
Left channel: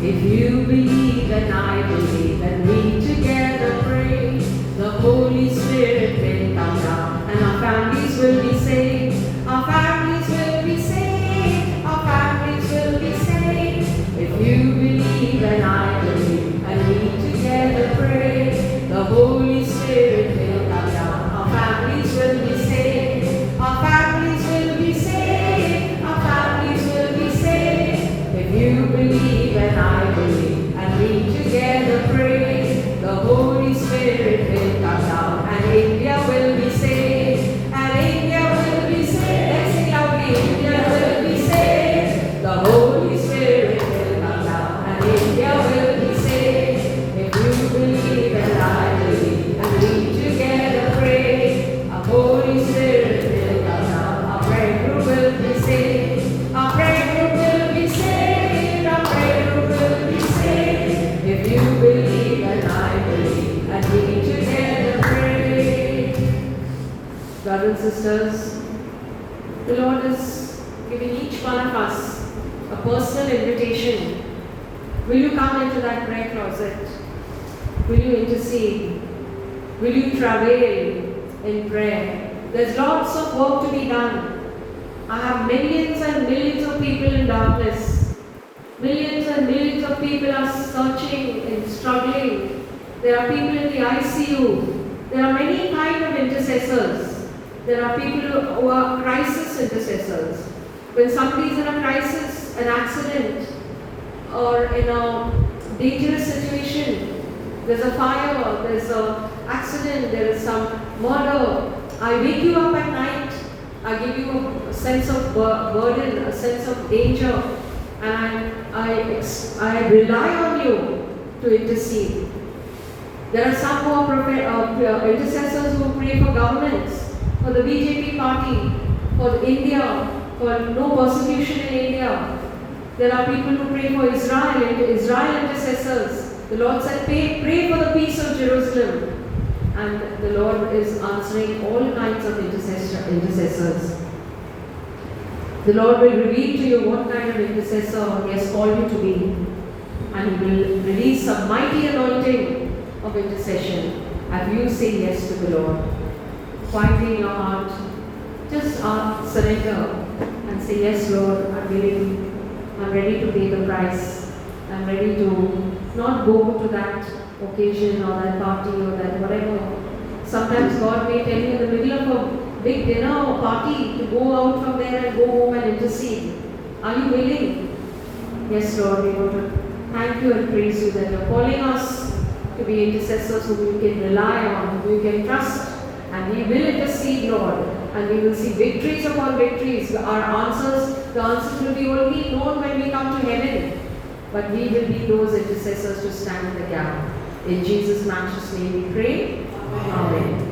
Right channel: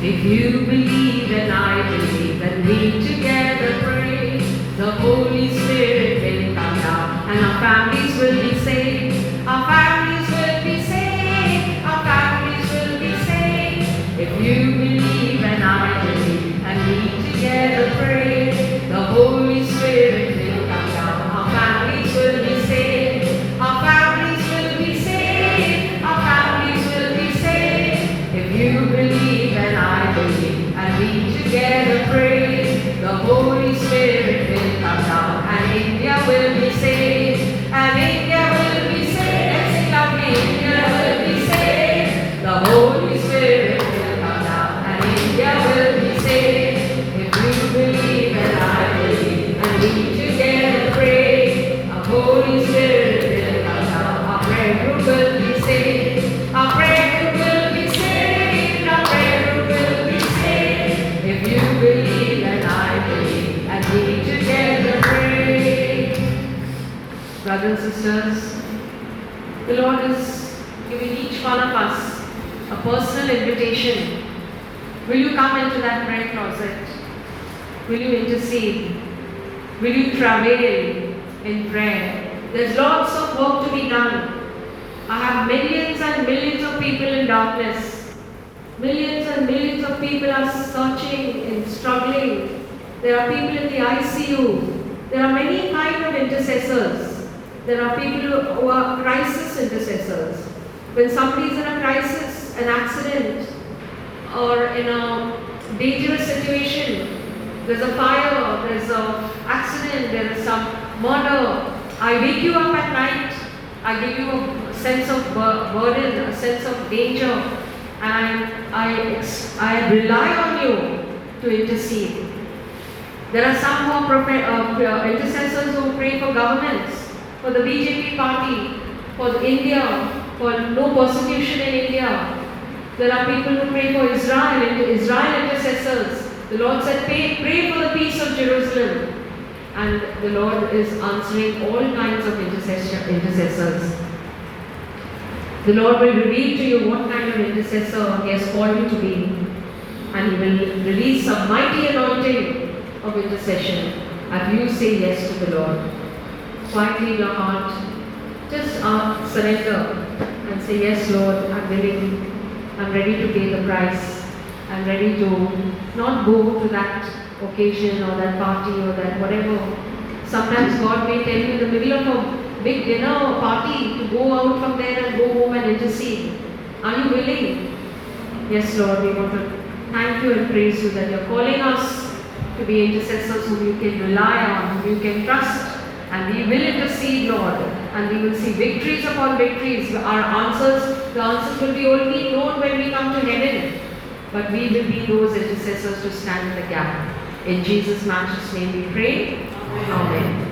If you believe and I believe and we together pray, the Holy Spirit will come down and our families will be saved. Our families will be saved. Our families will be saved. If you believe and I believe and we together pray, the Holy Spirit will come down. Our families will be saved. Our families will be saved. Our families will be saved. If you believe and I believe, and we together pray, the Holy Spirit will come down, and India will be saved, and India will be saved. Sing loudly, India will be saved. The Holy Spirit will come down, and India will be saved. If you believe and I believe, and we together pray, our Holy Spirit will come down, our prayer group will be saved, our prayer group will be saved, our prayer group will be saved. If you believe and I believe, and we together pray. Brothers and sisters, the Lord is giving each one of us a personal invitation. Will you come into that prayer closet? Will you intercede? Will you travail in prayer? There's lots of work to be done. I have millions and millions of people in darkness. Millions and millions of people are searching and struggling. There are people in the ICU. There are many kinds of intercessors. There are people who are crisis intercessors. When somebody is in a crisis, an accident, or in a dangerous situation, there's a fire, there's an accident, there is some murder, I wake you up at night, I give you a sense of burden, a sense of danger, and I rely on you to intercede. There are some who are intercessors who pray for governments, for the BJP party, for India, for no persecution in India. There are people who pray for Israel intercessors. The Lord said, pray for the peace of Jerusalem. And the Lord is answering all kinds of intercessors. The Lord will reveal to you what kind of intercessor He has called you to be. And He will release a mighty anointing of intercession as you say yes to the Lord. Quietly in your heart, just surrender and say, yes Lord, I'm willing. I'm ready to pay the price. I'm ready to not go to that occasion or that party or that whatever. Sometimes God may tell you in the middle of a big dinner or party to go out from there and go home and intercede. Are you willing? Yes, Lord, we want to thank you and praise you that you're calling us to be intercessors whom you can rely on, whom you can trust, and we will intercede, Lord, and we will see victories upon victories. Our answers the answers will be only known when we come to heaven. But we will be those intercessors to stand in the gap. In Jesus' matchless name we pray. Amen.